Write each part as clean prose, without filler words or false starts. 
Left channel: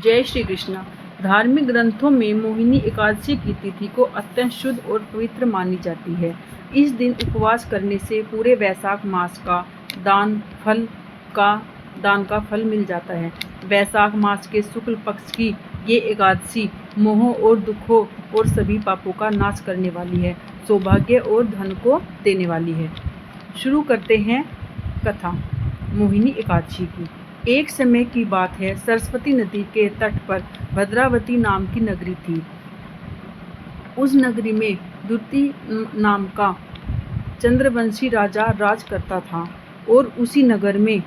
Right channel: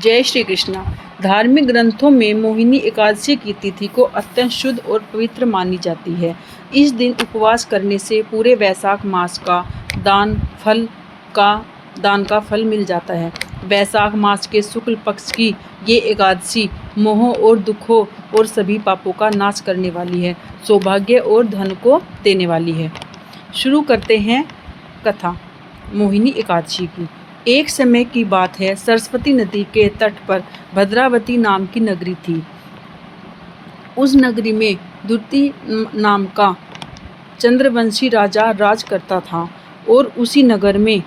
जय श्री कृष्णा। धार्मिक ग्रंथों में मोहिनी एकादशी की तिथि को अत्यंत शुद्ध और पवित्र मानी जाती है। इस दिन उपवास करने से पूरे वैशाख मास का दान का फल मिल जाता है। वैशाख मास के शुक्ल पक्ष की ये एकादशी मोह और दुखों और सभी पापों का नाश करने वाली है, सौभाग्य और धन को देने वाली है। शुरू करते हैं कथा मोहिनी एकादशी की। एक समय की बात है, सरस्वती नदी के तट पर भद्रावती नाम की नगरी थी। उस नगरी में द्रुति नाम का चंद्रवंशी राजा राज करता था और उसी नगर में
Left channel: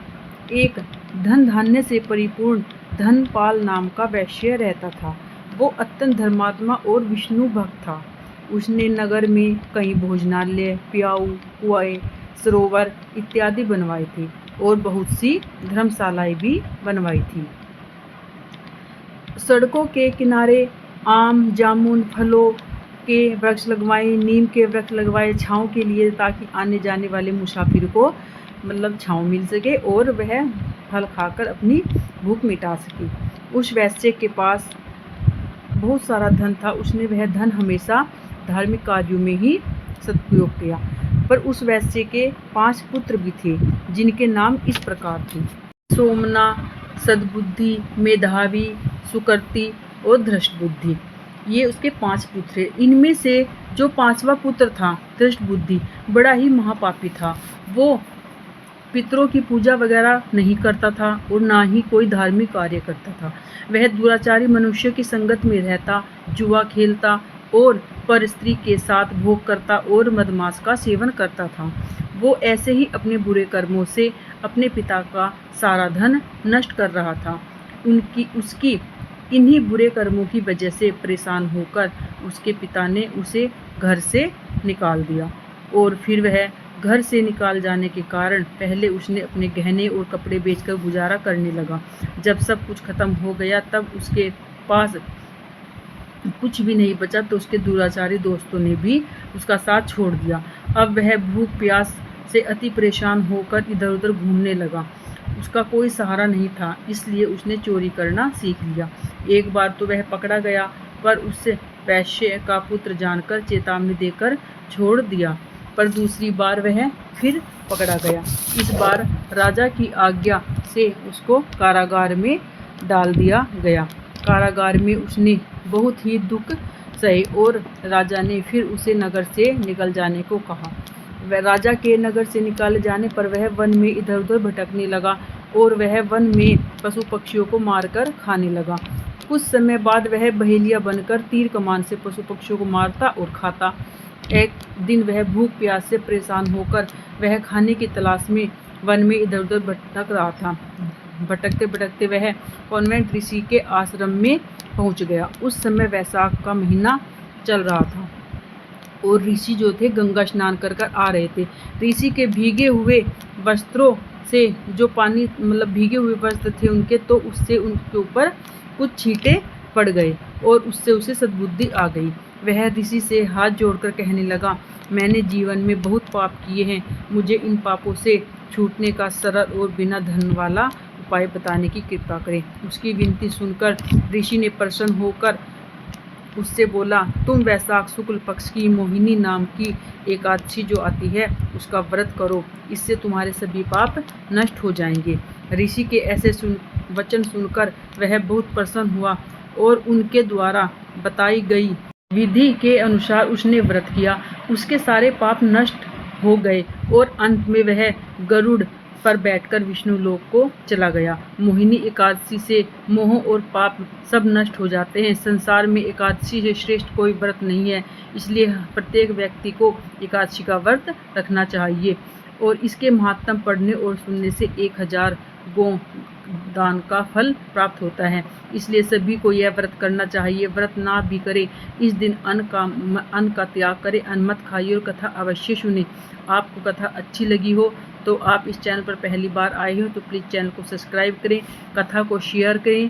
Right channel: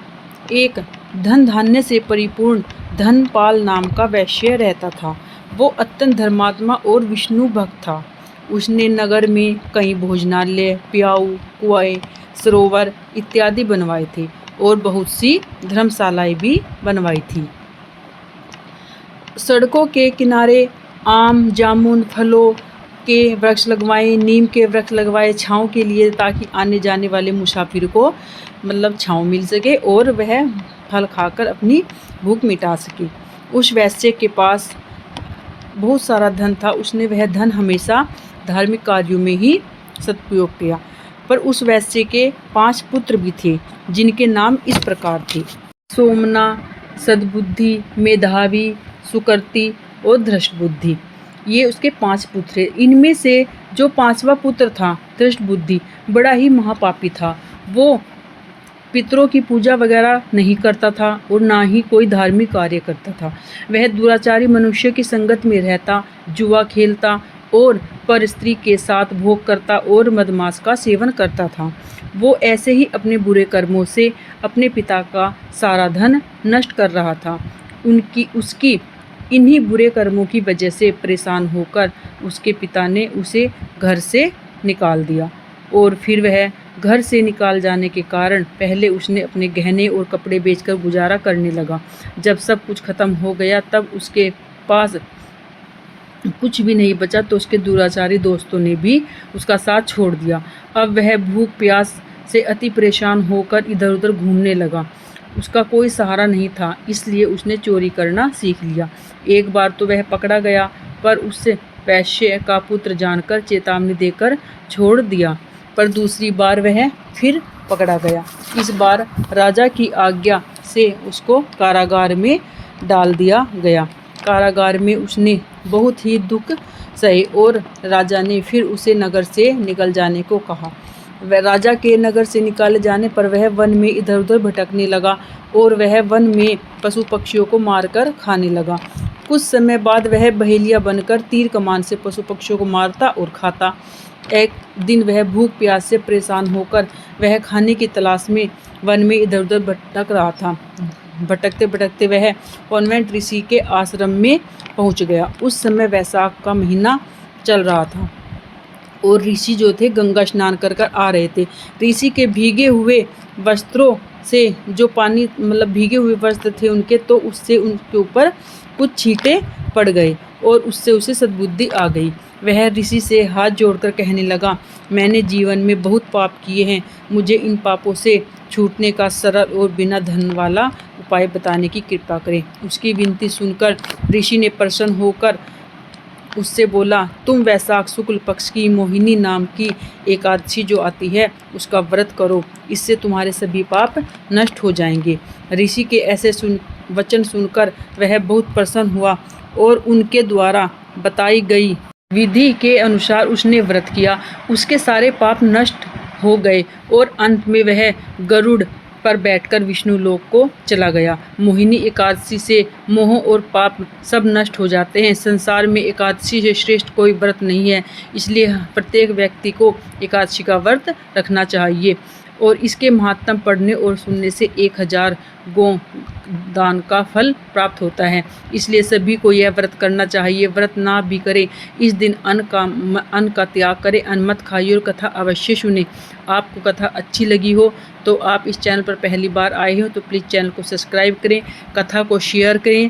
एक धन धान्य से परिपूर्ण धनपाल नाम का वैश्य रहता था। वो अत्यंत धर्मात्मा और विष्णु भक्त था। उसने नगर में कई भोजनालय, प्याऊ, कुएं, सरोवर इत्यादि बनवाए थे और बहुत सी धर्मशालाएं भी बनवाई थी। सड़कों के किनारे आम, जामुन, फलों के वृक्ष लगवाए, नीम के वृक्ष लगवाए छाँव के लिए, ताकि आने जाने वाले मुसाफिर को छाँव मिल सके और वह फल खाकर अपनी भूख मिटा सके। उस वैश्य के पास बहुत सारा धन था। उसने वह धन हमेशा धार्मिक कार्यों में ही सदुपयोग किया। पर उस वैश्य के 5 पुत्र भी थे, जिनके नाम इस प्रकार थे: सोमना, सद्बुद्धि, मेधावी, सुकृति और धृष्टबुद्धि। ये उसके 5 पुत्र थे। इनमें से जो 5वां पुत्र था, धृष्टबुद्धि, बड़ा ही महापापी था। वो पितरों की पूजा वगैरह नहीं करता था और ना ही कोई धार्मिक कार्य करता था। वह दुराचारी मनुष्य की संगत में रहता, जुआ खेलता और पर स्त्री के साथ भोग करता और मदमांस का सेवन करता था। वो ऐसे ही अपने बुरे कर्मों से अपने पिता का सारा धन नष्ट कर रहा था। उसकी इन्हीं बुरे कर्मों की वजह से परेशान होकर उसके पिता ने उसे घर से निकाल दिया। और फिर वह घर से निकाल जाने के कारण पहले उसने अपने गहने और कपड़े बेचकर गुजारा करने लगा। जब सब कुछ खत्म हो गया, तब उसके पास कुछ भी नहीं बचा तो उसके दुराचारी दोस्तों ने भी उसका साथ छोड़ दिया। अब वह भूख प्यास से अति परेशान होकर इधर उधर घूमने लगा। उसका कोई सहारा नहीं था, इसलिए उसने चोरी करना सीख लिया। एक बार तो वह पकड़ा गया, पर उससे वैश्य का पुत्र जानकर चेतावनी देकर छोड़ दिया। पर दूसरी बार वह फिर पकड़ा गया। इस बार राजा की आज्ञा से उसको कारागार में डाल दिया गया। कारागार में उसने बहुत ही दुख सहे और राजा ने फिर उसे नगर से निकल जाने को कहा। राजा के नगर से निकाले जाने पर वह वन में इधर उधर भटकने लगा और वह वन में पशु पक्षियों को मारकर खाने लगा। कुछ समय बाद वह बहेलिया बनकर तीर कमान से पशु पक्षियों को मारता और खाता। एक दिन वह भूख प्यास से परेशान होकर वह खाने की तलाश में वन में इधर उधर भटक रहा था। भटकते भटकते वह कॉन्वेंट ऋषि के आश्रम में पहुंच गया। उस समय वैशाख का महीना चल रहा था और ऋषि जो थे गंगा स्नान कर आ रहे थे। ऋषि के भीगे हुए वस्त्रों से जो पानी भीगे हुए वस्त्र थे उनके, तो उससे उनके ऊपर कुछ छींटे पड़ गए और उससे उसे सद्बुद्धि आ गई। वह ऋषि से हाथ जोड़कर कहने लगा, मैंने जीवन में बहुत पाप किए हैं, मुझे इन पापों से छूटने का सरल और बिना धन वाला उपाय बताने की कृपा करें। उसकी विनती सुनकर ऋषि ने प्रसन्न होकर उससे बोला, तुम वैशाख शुक्ल पक्ष की मोहिनी नाम की एकादशी जो आती है उसका व्रत करो, इससे तुम्हारे सभी पाप नष्ट हो जाएंगे। ऋषि के ऐसे वचन सुनकर वह बहुत प्रसन्न हुआ और उनके द्वारा बताई गई विधि के अनुसार उसने व्रत किया। उसके सारे पाप नष्ट हो गए और अंत में वह गरुड़ पर बैठकर विष्णु लोक को चला गया। मोहिनी एकादशी से मोह और पाप सब नष्ट हो जाते हैं। संसार में एकादशी से श्रेष्ठ कोई व्रत नहीं है, इसलिए प्रत्येक व्यक्ति को एकादशी का व्रत रखना चाहिए और इसके महात्म पढ़ने और सुनने से 1000 गौ दान का फल प्राप्त होता है। इसलिए सभी को यह व्रत करना चाहिए। व्रत ना भी करें, इस दिन अन्न का त्याग करें, अन्न मत खाइए और कथा अवश्य सुने। आपको कथा अच्छी लगी हो तो आप इस चैनल पर पहली बार आए हो तो प्लीज़ चैनल को सब्सक्राइब करें, कथा को शेयर करें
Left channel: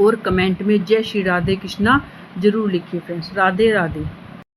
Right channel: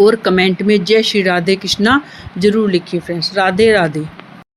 और कमेंट में जय श्री राधे कृष्णा जरूर लिखिए फ्रेंड्स। राधे राधे।